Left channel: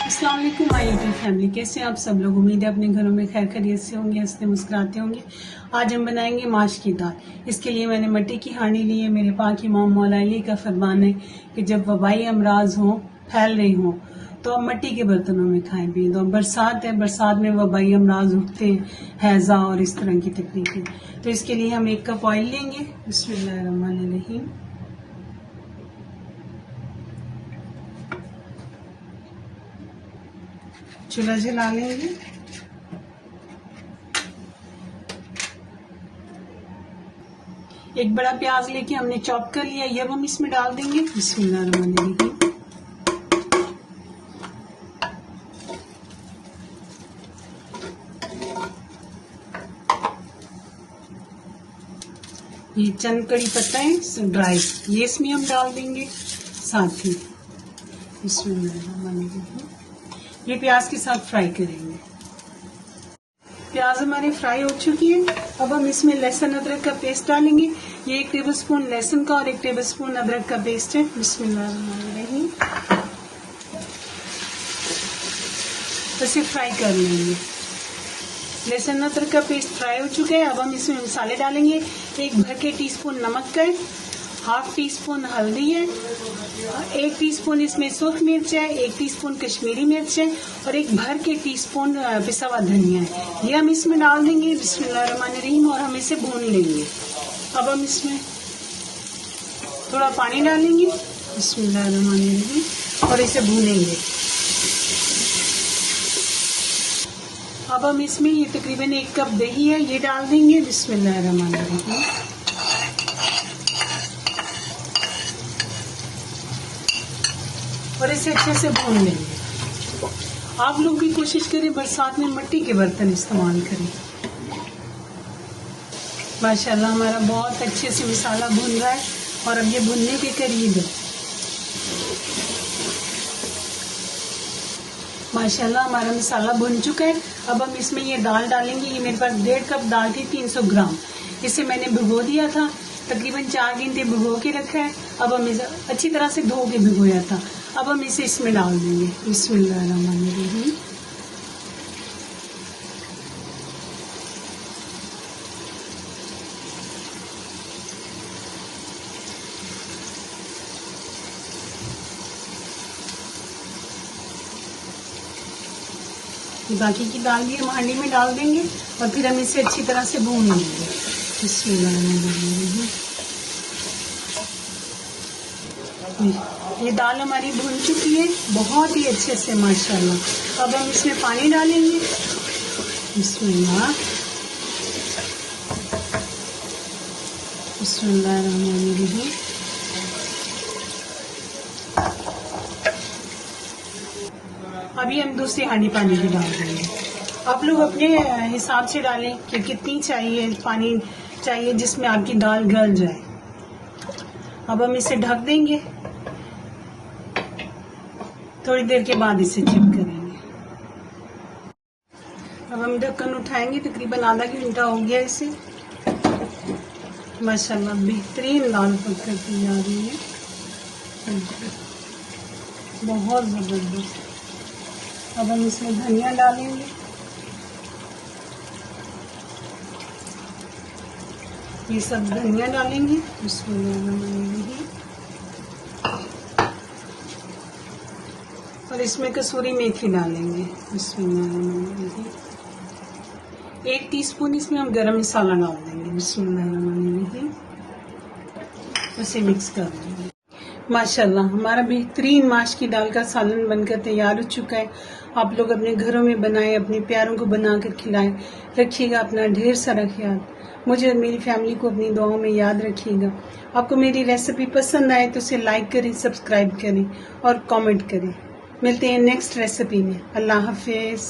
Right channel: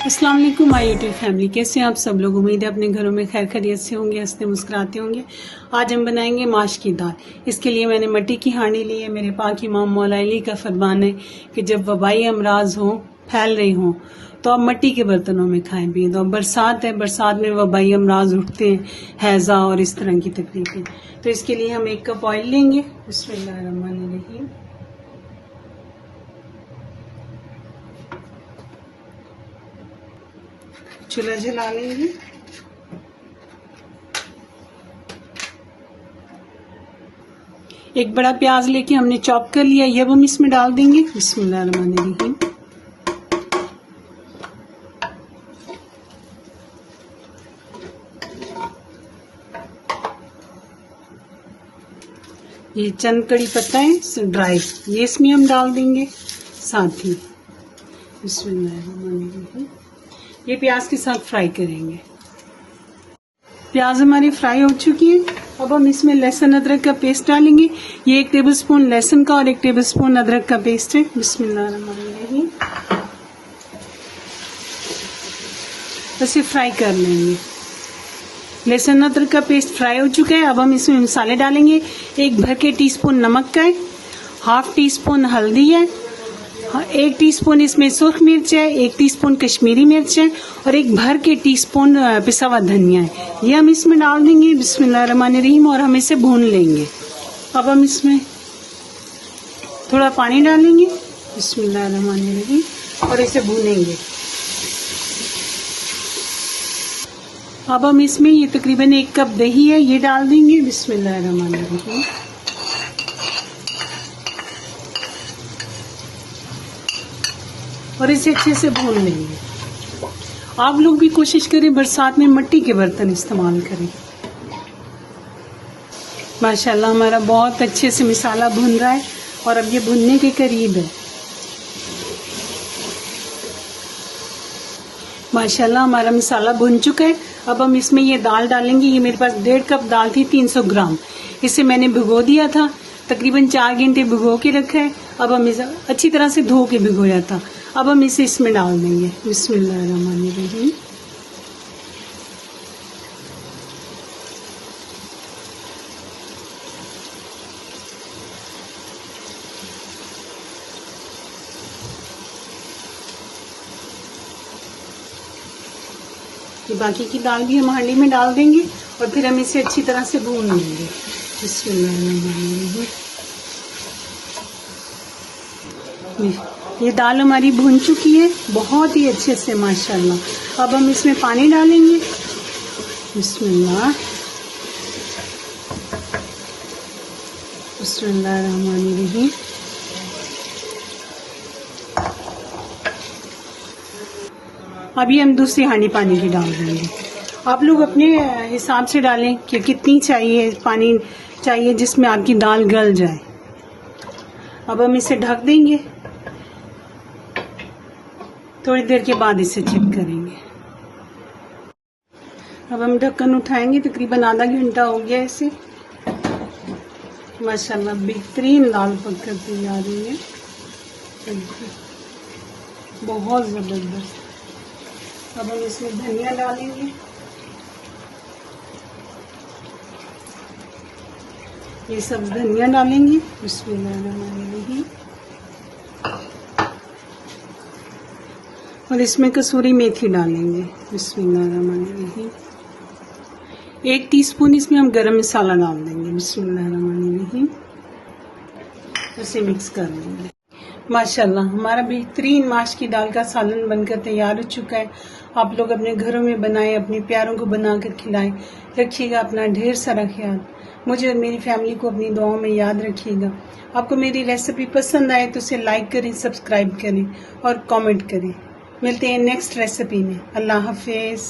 अस्सलाम वालेकुम my YouTube family, कैसे हैं आप सब लोग। उम्मीद है अपने घरों में खैर खैरियत से होंगे, हंसते मुस्कुराते होंगे। आज हम बनाएंगे माश की दाल। इसके लिए मैंने मट्टी की हांडी ली है। मेरे पाक इमाम मौला अली का फरमान है कि जब वबाई अमराज हो, फैल रही हो, तो आप मट्टी के बर्तनों में खाएं पिए। तो बरसात है, बरसात में वबाई अमराज उठते हैं, हैजा और इस तरह की तकलीफें। तो इसके लिए हम 1 कप ऑयल लेंगे। बिस्मिल्लाहिर्रहमानिर्रहीम। चूल्हा जला लेंगे। एक बड़ा प्याज लेके हमने चॉप कर लिया, ये हम इसमें डाल देंगे। बिस्मिल्लाहिर्रहमानिर्रहीम। ये चंद कड़ी पत्ता है ड्राई, ये इसमें हम डाल देंगे साथ ही। बिस्मिल्लाहिर्रहमानिर्रहीम। ये प्याज के साथ फ्राई करेंगे। प्याज हमारी फ्राई हो चुकी है। अब हम इसमें लहसुन अदरक का पेस्ट डालेंगे। ये 1 टेबलस्पून लहसुन का और 1 टेबलस्पून अदरक का पेस्ट है। बिस्मिल्लाहिर्रहमानिर्रहीम। इसे फ्राई कर लेंगे। लहसुन अदरक का पेस्ट फ्राई हो चुका है। अब हम इसमें मसाले डालेंगे। 1 भर के टीस्पून नमक का है, 1/2 टीस्पून हल्दी है, 1 टीस्पून इसमें सुर्ख मिर्च है, 1 टीस्पून कश्मीरी मिर्च है और 1 भर के टीस्पून पिसा हुआ धनिया है। ये हम इसमें डाल देंगे। बिस्मिल्लाहिर्रहमानिर्रहीम। और हम इसे भून लेंगे। अब हम इसमें थोड़ा पानी डालेंगे। बिस्मिल्लाहिर्रहमानिर्रहीम। और इसे भूनेंगे। अब हम इसमें ये तकरीबन 1 कप दही है, ये डाल देंगे। बिस्मिल्लाहिर्रहमानिर्रहीम। और इसे अच्छे से भून लेंगे। आप लोग भी कोशिश करें बरसात में मट्टी के बर्तन इस्तेमाल करें। माशाल्लाह हमारा बहुत अच्छे से मसाला भुन रहा है और अब ये भुनने के करीब है। माशाल्लाह हमारा मसाला भुन चुका है। अब हम इसमें ये दाल डालेंगे। ये मेरे पास 1.5 कप दाल थी, 300 ग्राम। इसे मैंने भिगो दिया था, तकरीबन 4 घंटे भिगो के रखा है। अब हम इसे अच्छी तरह से धो के भिगोया था। अब हम इसे इसमें डाल देंगे। बिस्मिल्लाहिर्रहमानिर्रहीम। ये बाकी की दाल भी हम हांडी में डाल देंगे और फिर हम इसे अच्छी तरह से भून लेंगे। बिस्मिल्लाहिर्रहमानिर्रहीम। ये दाल हमारी भुन चुकी है बहुत ही अच्छे से माशाल्लाह। अब हम इसमें पानी डालेंगे। बिस्मिल्लाह। बिस्मिल्लाहिर्रहमानिर्रहीम। अभी हम दूसरी हांडी पानी की डाल देंगे। आप लोग अपने हिसाब से डालें कि कितनी चाहिए पानी चाहिए जिसमें आपकी दाल गल जाए। अब हम इसे ढक देंगे। थोड़ी देर के बाद इसे चेक करेंगे। अब हम ढक्कन उठाएंगे। तकरीबन आधा घंटा हो गया इसे। माशाल्लाह बेहतरीन दाल पक कर तैयार हुई है, बहुत जबरदस्त। अब हम इसमें धनिया डालेंगे। ये सब धनिया डालेंगे। बिस्मिल्लाहिर्रहमानिर्रहीम। और इसमें कसूरी मेथी डालेंगे। बिस्मिल्लाहिर्रहमानिर्रहीम। 1 टीस्पून इसमें हम गरम मसाला डाल देंगे। बिस्मिल्लाहिर्रहमानिर्रहीम। इसे मिक्स कर लेंगे। माशाल्लाह हमारा बेहतरीन माश की दाल का सालन बनकर तैयार हो चुका है। आप लोग अपने घरों में बनाएं, अपने प्यारों को बनाकर खिलाएं। रखिएगा अपना ढेर सारा ख्याल। मुझे और मेरी फैमिली को अपनी दुआओं में याद रखिएगा। आपको मेरी रेसिपी पसंद आए तो उसे लाइक करें, सब्सक्राइब करें और कमेंट करें। मिलते हैं नेक्स्ट रेसिपी में। अल्लाह हाफिज।